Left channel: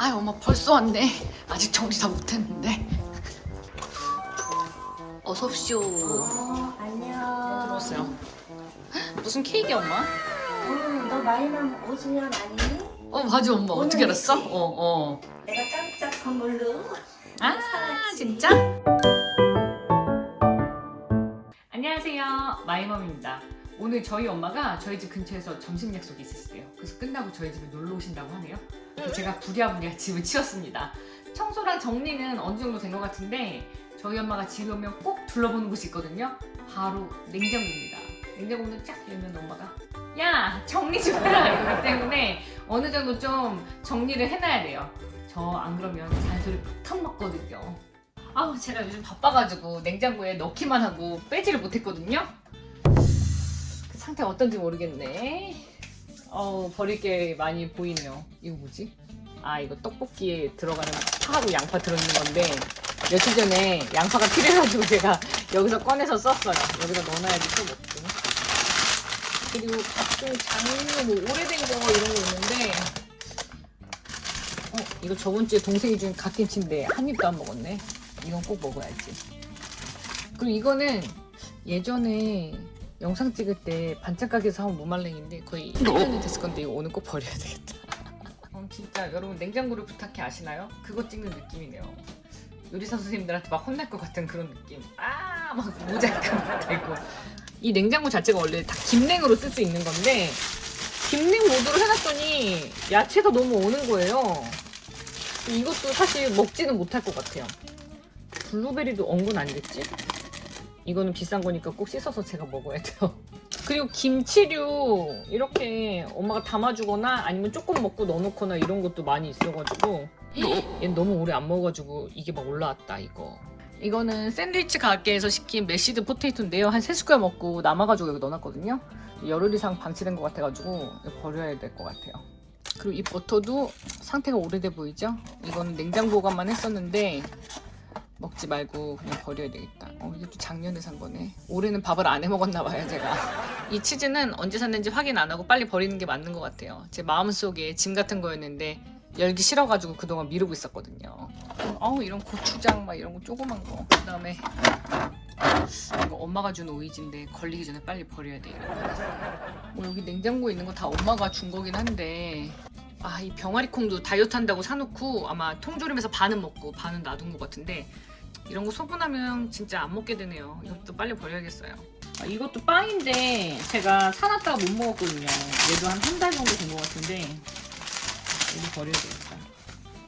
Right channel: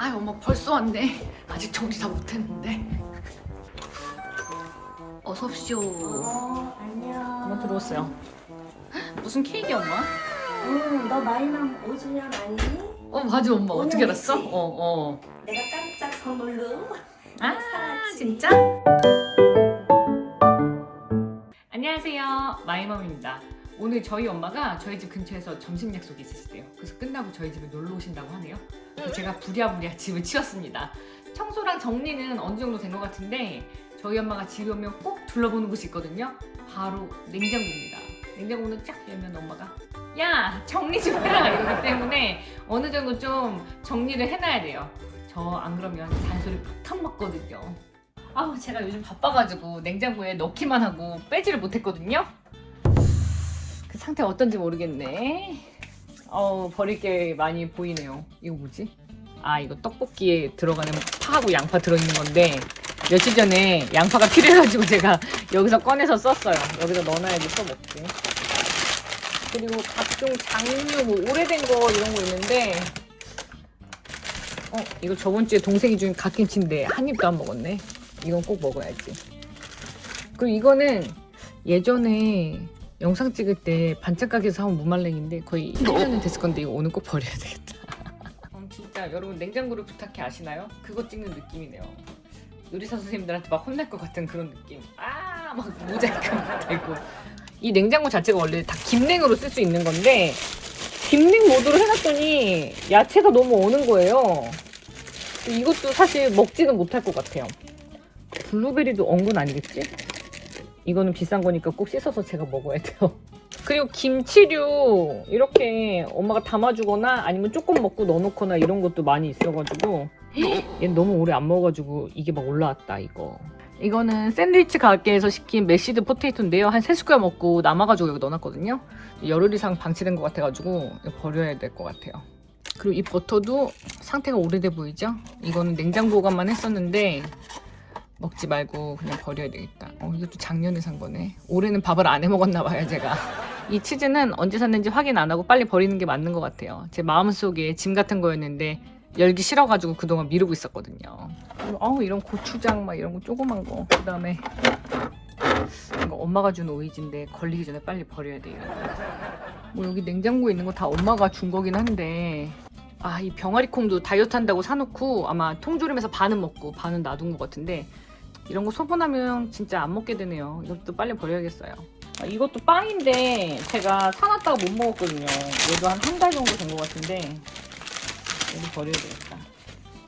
아 엄마 벌써 왔네. 아직 정리 다 못했는데. 어서 오십시오. 어, 엄마 안녕. 들어왔어요. 무슨 케이크 엄마? 응, 너 마이맘 50년 아니니? 어 맞아 엄마 어떻게 알았어? 어 어. 내가 깜짝 선물로. 아. 진짜? 안녕하세요 마이맘입니다. 오늘 저희 엄마가 저희 집 근처에서 점심 약속이 있으시대요. 그래서 끝나고 저희 집에 놀러 오신다고 하네요. 그래서 제가 부랴부랴 집을 치웠습니다. 청소랑 정리는 어느 정도 된 것 같은데 저희 엄마가 집에 오면 꼭 둘러보는 곳이 있거든요. 바로 냉장고입니다. 냉장고는 쫙 열면 엄마가 야 정리 좀 해라 이러기 때문에 어느 정도 좀 정리를 해놔야 돼요. 저 안 그러면 잔소리 팍 먹거든요. 아우 제가 요즘 바빠가지고 냉장고에 넣기만 하고 빼지를 못했거든요. 그 상태 어떤지 모르겠네. 어 버릴 게 많이 보이네요. 이거 뭐지? 아 이거 떡볶이에 들어가는 파하고 양파 들어있는 건데 며칠 전에 양파가 필요해가지고 제가 여기서 꺼내서 썼어요. 여기다 넣어놔야지 또 먹고. 그리고 각종 장류 뭐 오래된 거 이런 거 있는데 어 이거 저번 주에 동생이 준 갓김치인데 한 입도 안 먹었네. 이건 꼭 먹어야지. 그리고 이거는 예전에 영상 찍을 때 반짝 가게에서 한 무말랭인데 거의 1년이 됐을 건데 이거 오늘 꼭 버려야 되겠다. 어, 진짜 여러분 냉장고를 부탁해 아시나요? 그거 찍는 느낌이네요. 요리사 선생님들한테 막 혼날 것 같은 그런 느낌. 아, 막 모자이크 되고. 이 냉장고 자체가 원래 다 김냉으로 쓸 수 있는 건데 김냉 모드로 해놨더니 야채가 너무 오는 거예요. 이것도 사실 먹지는 못할 것 같아요. 블루베리도 엉건 아니겠지? 이거는 비싼 거니까 꼭 씻어서 제가 먹어야 돼요. 그리고 김치류 이렇게 엄마가 담아주거나 아니면 조금 먹고 넣어놓거나 이런 것도 많이 있어가지고 얘 너무 오래 안 먹어가지고 이게 막 올라왔다 이거. 이거는 샌드위치 가게에서 시킨 메시드 포테이토인데요. 한 3숟갈 먹고 남아가지고 이거 넣어놨거든요. 열흘 이상 방치된 것 같아가지고 버려야 될 것 같아요. 그리고 이 버터도 상태가 오래돼 보이죠? 이거는 냉장 보관만 했었는데 먹지 말고 그냥 버려야 되겠다. 어, 이것도 작년에 산 거네. 올해는 밥을 안 해 먹었나 봐요, 제가. 이 치즈는 언제 샀는지 확인 안 하고 빨리 버리는 게 맞는 것 같아요. 제 마음속에 짐 같은 거였는데 열기 싫어가지고 그동안 미루고 있었거든요. 아우 이런 고추장 막 이런 거 조그만 거. 그다음에 이거 엄마가 준 오이지인데 걸리기 전에 빨리 버려야 돼요. 여기 냉장고에 있는 거 다 엄마가 준 거긴 한데 아 이 병아리 콩도 다이어트 한다고 사놓고 아마 통조림에서 반은 먹고 반은 놔둔 것 같은데 이런 거 소분하면 진짜 안 먹게 되네요. 이것도 빨리 버려야겠어요. 아, 이것도 빵인데 제가 사놨다가 못 먹었거든요. 얘도 한 한 달 정도 된 것 같은데 얘도 버려야 되겠다.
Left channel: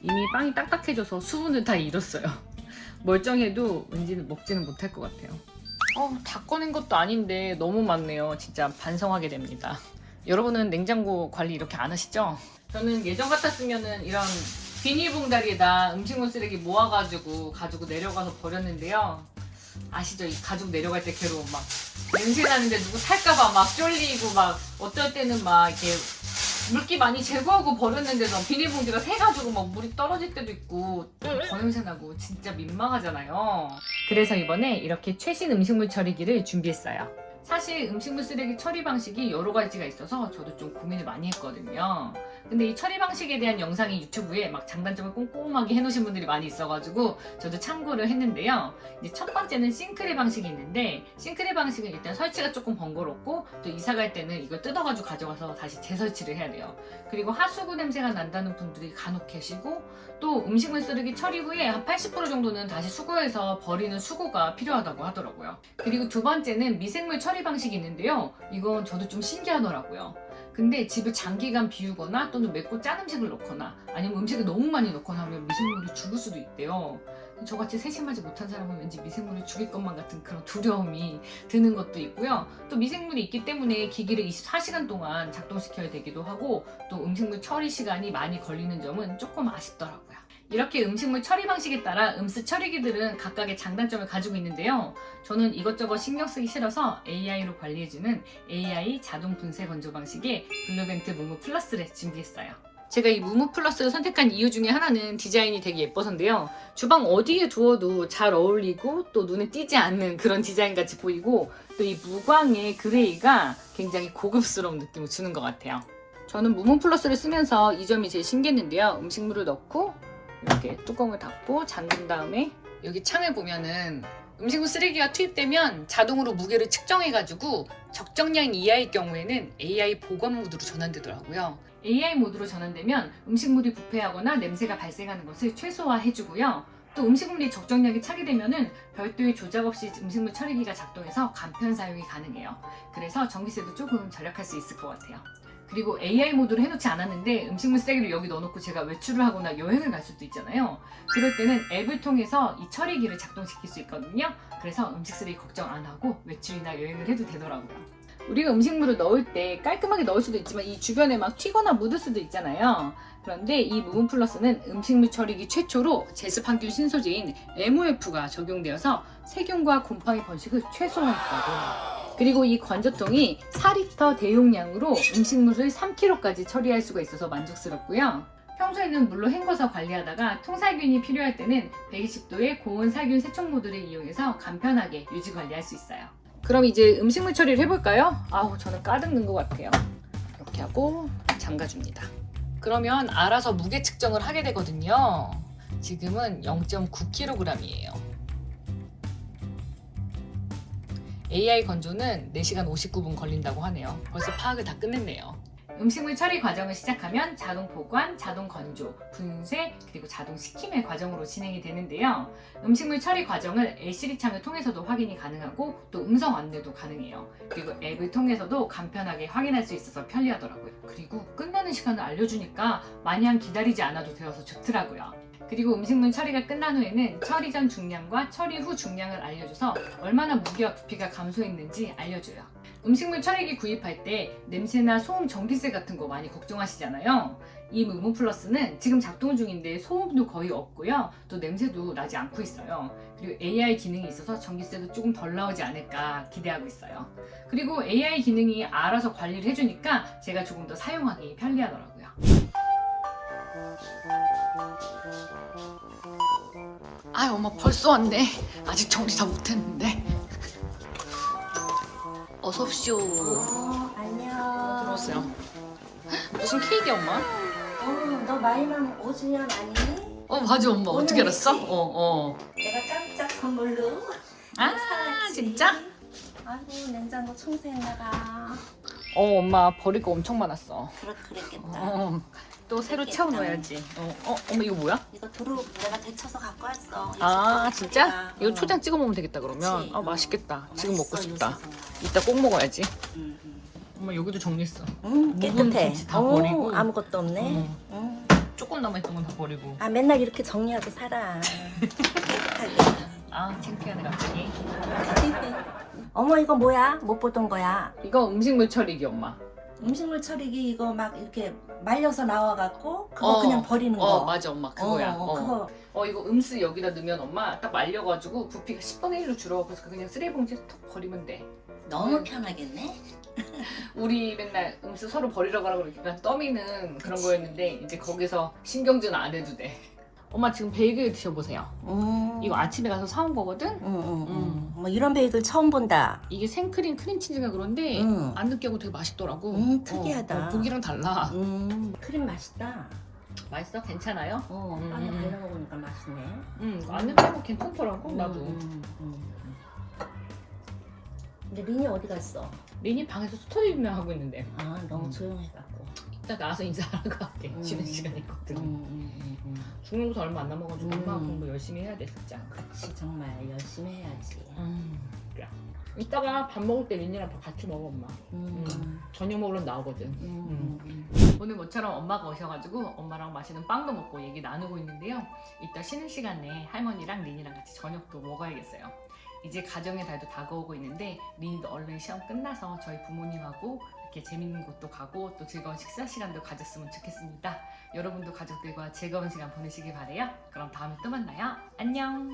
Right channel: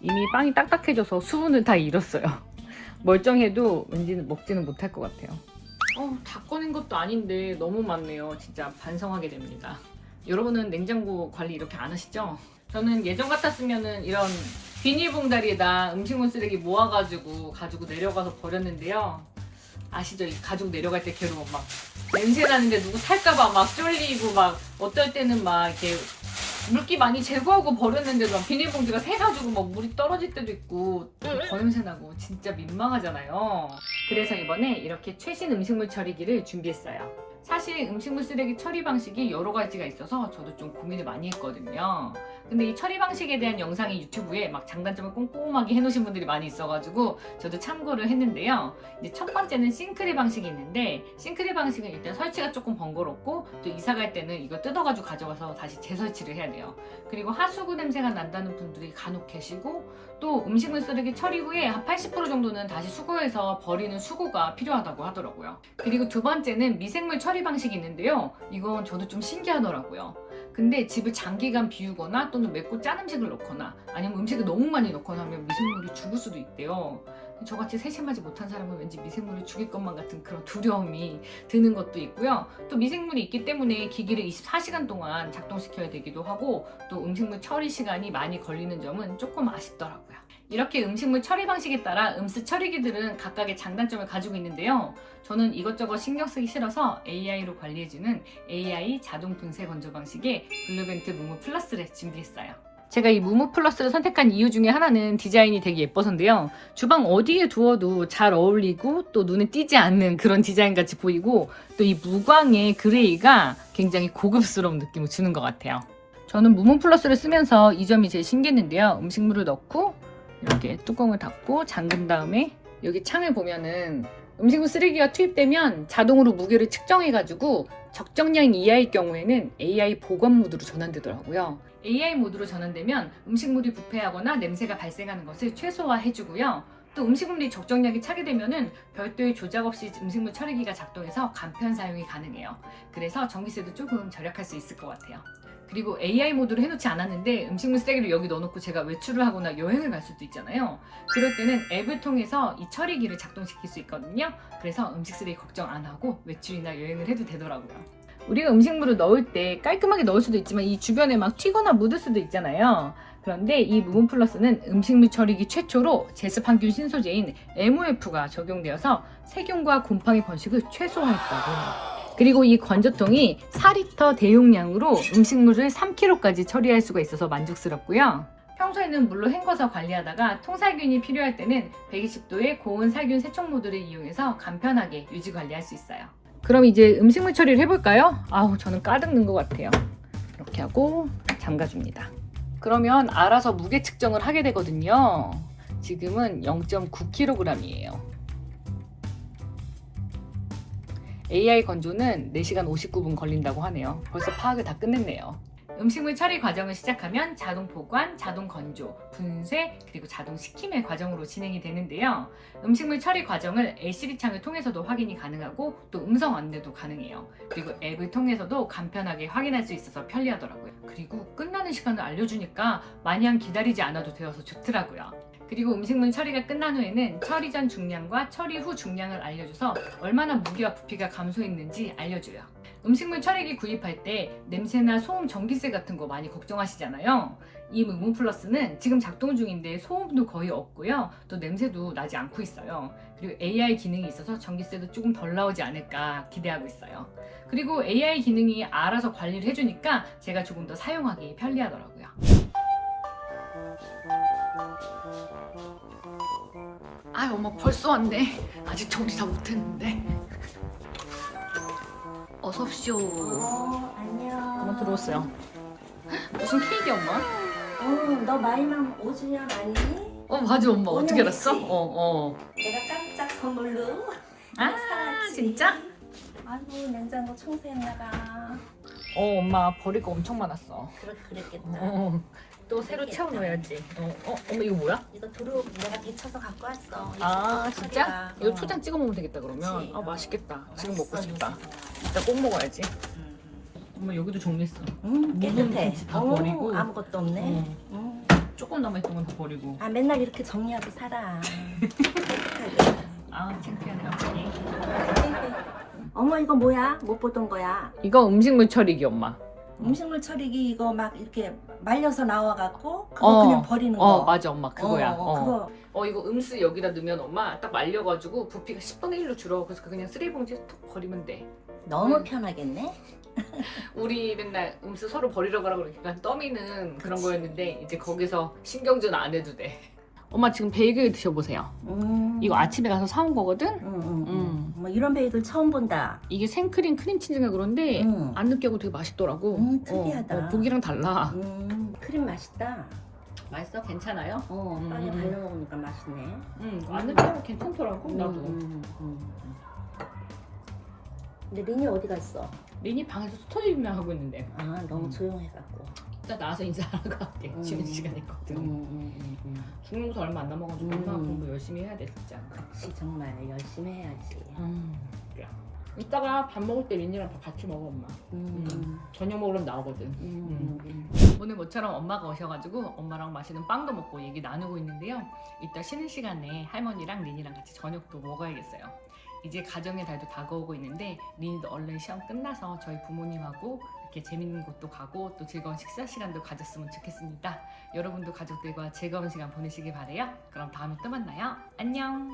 이미 빵이 딱딱해져서 수분을 다 잃었어요. 멀쩡해도 왠지 먹지는 못할 것 같아요. 어, 다 꺼낸 것도 아닌데 너무 많네요. 진짜 반성하게 됩니다. 여러분은 냉장고 관리 이렇게 안 하시죠? 저는 예전 같았으면은 이런 비닐봉다리에다 음식물 쓰레기 모아가지고 가지고 내려가서 버렸는데요. 아시죠? 이 가지고 내려갈 때 괴로움 막 냄새 나는데 누구 살까봐 막 쫄리고 막 어떨 때는 막 이렇게 물기 많이 제거하고 버렸는데도 막 비닐봉지가 새가지고 막 물이 떨어질 때도 있고 더 냄새 나고 진짜 민망하잖아요. 그래서 이번에 이렇게 최신 음식물 처리기를 준비했어요. 사실 음식물 쓰레기 처리 방식이 여러 가지가 있어서 저도 좀 고민을 많이 했거든요. 근데 이 처리 방식에 대한 영상이 유튜브에 막 장단점을 꼼꼼하게 해놓으신 분들이 많이 있어가지고 저도 참고를 했는데요. 이제 첫 번째는 싱크대 방식이 있는데 싱크대 방식은 일단 설치가 조금 번거롭고 또 이사 갈 때는 이거 뜯어가지고 가져가서 다시 재설치를 해야 돼요. 그리고 하수구 냄새가 난다는 분들이 간혹 계시고 또 음식물 쓰레기 처리 후에 한 80% 정도는 다시 수거해서 버리는 수고가 필요하다고 하더라고요. 그리고 두 번째는 미생물 처리 방식이 있는데요. 이건 저도 좀 신기하더라고요. 근데 집을 장기간 비우거나 또는 맵고 짠 음식을 넣거나 아니면 음식을 너무 많이 넣거나 하면 미생물이 죽을 수도 있대요. 저같이 세심하지 못한 사람은 왠지 미생물이 죽일 것만 같은 그런 두려움이 드는 것도 있고요. 또 미생물이 있기 때문에 기기를 24시간 동안 작동시켜야 되기도 하고 또 음식물 처리 시간이 많이 걸리는 점은 조금 아쉽더라고요. 이렇게 음식물 처리 방식에 따라 음스 처리기들은 각각의 장단점을 가지고 있는데요. 저는 이것저것 신경 쓰기 싫어서 AI로 관리해주는 AI 자동 분쇄 건조 방식의 블루벤트 무무 플러스를 준비했어요. 제가 이 무무 플러스를 선택한 이유 중에 하나는 디자인이 되게 예뻐서인데요. 주방 어디에 두어도 잘 어울리고 또 눈에 띄지 않는 그런 디자인 같이 보이고 또 이 무광의 그레이가 굉장히 고급스러운 느낌을 주는 것 같아요. 저는 무문 플러스를 쓰면서 이 점이 제일 신기했는데요. 음식물을 넣고 이렇게 뚜껑을 닫고 잠근 다음에 여기 창에 보면은 음식물 쓰레기가 투입되면 자동으로 무게를 측정해가지고 적정량 이하일 경우에는 AI 보관 모드로 전환되더라고요. AI 모드로 전환되면 음식물이 부패하거나 냄새가 발생하는 것을 최소화해주고요. 또 음식물이 적정량이 차게 되면은 별도의 조작 없이 음식물 처리기가 작동해서 간편 사용이 가능해요. 그래서 전기세도 조금 절약할 수 있을 것 같아요. 그리고 AI 모드로 해놓지 않았는데 음식물 쓰레기를 여기 넣어놓고 제가 외출을 하거나 여행을 갈 수도 있잖아요. 그럴 때는 앱을 통해서 이 처리기를 작동시킬 수 있거든요. 그래서 음식 쓰레기 걱정 안 하고 외출이나 여행을 해도 되더라고요. 우리가 음식물을 넣을 때 깔끔하게 넣을 수도 있지만 이 주변에 막 튀거나 묻을 수도 있잖아요. 그런데 이 무온 플러스는 음식물 처리기 최초로 제습 항균 신소재인 MOF가 적용되어서 세균과 곰팡이 번식을 최소화했다고. 그리고 이 건조통이 4리터 대용량으로 음식물을 3kg까지 처리할 수가 있어서 만족스럽고요. 평소에는 물로 헹궈서 관리하다가 통살균이 필요할 때는 120도의 고온 살균 세척 모드를 이용해서 간편하게 유지 관리할 수 있어요. 그럼 이제 음식물 처리를 해볼까요? 아우 저는 까득는 것 같아요. 이렇게 하고 잠가줍니다. 그러면 알아서 무게 측정을 하게 되거든요. 지금은 0.9kg이에요. AI 건조는 4시간 59분 걸린다고 하네요. 벌써 파악을 다 끝냈네요. 음식물 처리 과정을 시작하면 자동 보관, 자동 건조, 분쇄, 그리고 자동 식힘의 과정으로 진행이 되는데요. 음식물 처리 과정을 LCD 창을 통해서도 확인이 가능하고 또 음성 안내도 가능해요. 그리고 앱을 통해서도 간편하게 확인할 수 있어서 편리하더라고요. 그리고 끝나는 시간을 알려주니까 마냥 기다리지 않아도 되어서 좋더라고요. 그리고 음식물 처리가 끝난 후에는 처리 전 중량과 처리 후 중량을 알려줘서 얼마나 무게와 부피가 감소했는지 알려줘요. 음식물 처리기 구입할 때 냄새나 소음 전기세 같은 거 많이 걱정하시잖아요. 이 무문 플러스는 지금 작동 중인데 소음도 거의 없고요. 또 냄새도 나지 않고 있어요. 그리고 AI 기능이 있어서 전기세도 조금 덜 나오지 않을까 기대하고 있어요. 그리고 AI 기능이 알아서 관리를 해주니까 제가 조금 더 사용하기 편리하더라고요. 아, 엄마 벌써 왔네. 아직 정리 다 못했는데. 어서 오십시오. 어, 안녕. 들어왔어요. 무슨 케이크 엄마? 어, 너 나이만 5주년 아니니? 어 맞아 엄마 어떻게 오늘 알았어? 있지? 어 어. 내가 깜짝 선물로. 아 사왔지. 진짜? 아이고 냉장고 청소했나봐. 어 엄마 버릴 거 엄청 많았어. 그렇 그랬겠다. 어, 또 새로 그랬겠다. 채워 넣어야지. 어, 어 엄마 이거 뭐야? 이거 도로 내가 데쳐서 갖고 왔어. 이아 진짜? 이거 어. 초장 찍어 먹으면 되겠다 그러면. 그치? 아 맛있겠다. 지금 먹고 맛있어, 싶다. 요새. 이따 꼭 먹어야지. 음, 음. 엄마 여기도 정리했어. 음, 묵은 깨끗해. 다 어, 버리고. 아무것도 없네. 어. 음. 조금 남아있던 건 다 버리고. 아 맨날 이렇게 정리하고 살아. 아 창피하네 갑자기. 어머 이거 뭐야? 못 보던 거야. 이거 음식물 처리기 엄마. 음식물 처리기 이거 막 이렇게 말려서 나와갖고 그거 어. 그냥 버리는 거. 어 맞아 엄마 어, 그거야. 어, 어. 그거 어 이거 음수 여기다 넣으면 엄마 딱 말려가지고 부피가 10분의 1로 줄어 그래서 그냥 쓰레기 봉지에 톡 버리면 돼 너무 음. 편하겠네. 우리 맨날 음수 서로 버리러 가라고 그러니까 떠미는 그런 거였는데 이제 거기서 신경전 안 해도 돼 엄마 지금 베이글 드셔보세요 음. 이거 아침에 가서 사온 거거든 음, 음, 음. 음. 뭐 이런 베이글 처음 본다. 이게 생크림 크림치즈가 그런데 음. 안 느끼하고 되게 맛있더라고 음, 특이하다. 어, 어, 고기랑 달라 음, 크림 맛있다. 맛있어? 괜찮아요? 어, 음, 빵에 음. 발라 먹으니까 맛있네. 응안 느끼하고 괜찮더라고 나도 음, 음, 음. 근데 린이 어디 갔어? 리니 방에서 스터디만 하고 있는데 아, 너무 음. 조용해갖고. 이따 나와서 인사하러 갈게 음. 쉬는 시간 있거든 음, 음, 음, 음. 중간고사 얼마 안 남아가지고 음. 엄마 공부 열심히 해야 돼 진짜. 그렇지, 정말 열심히 해야지. 음. 이따가 밥 먹을 때 린이랑 밥 같이 먹어 엄마. 음, 음, 저녁 먹으러 나오거든. 음, 음. 오늘 모처럼 엄마가 오셔가지고 엄마랑 맛있는 빵도 먹고 얘기 나누고 있는데요. 이따 쉬는 시간에 할머니랑 린이랑 같이 저녁도 먹어야겠어요. 이제 가정의 달도 다가오고 있는데 린이도 얼른 시험 끝나서 저희 부모님하고 이렇게 재밌는 곳도 가고 또 즐거운 식사 시간도 가졌으면 좋겠습니다. 여러분도 가족들과 즐거운 시간 보내시길 바래요. 그럼 다음에 또 만나요. 안녕.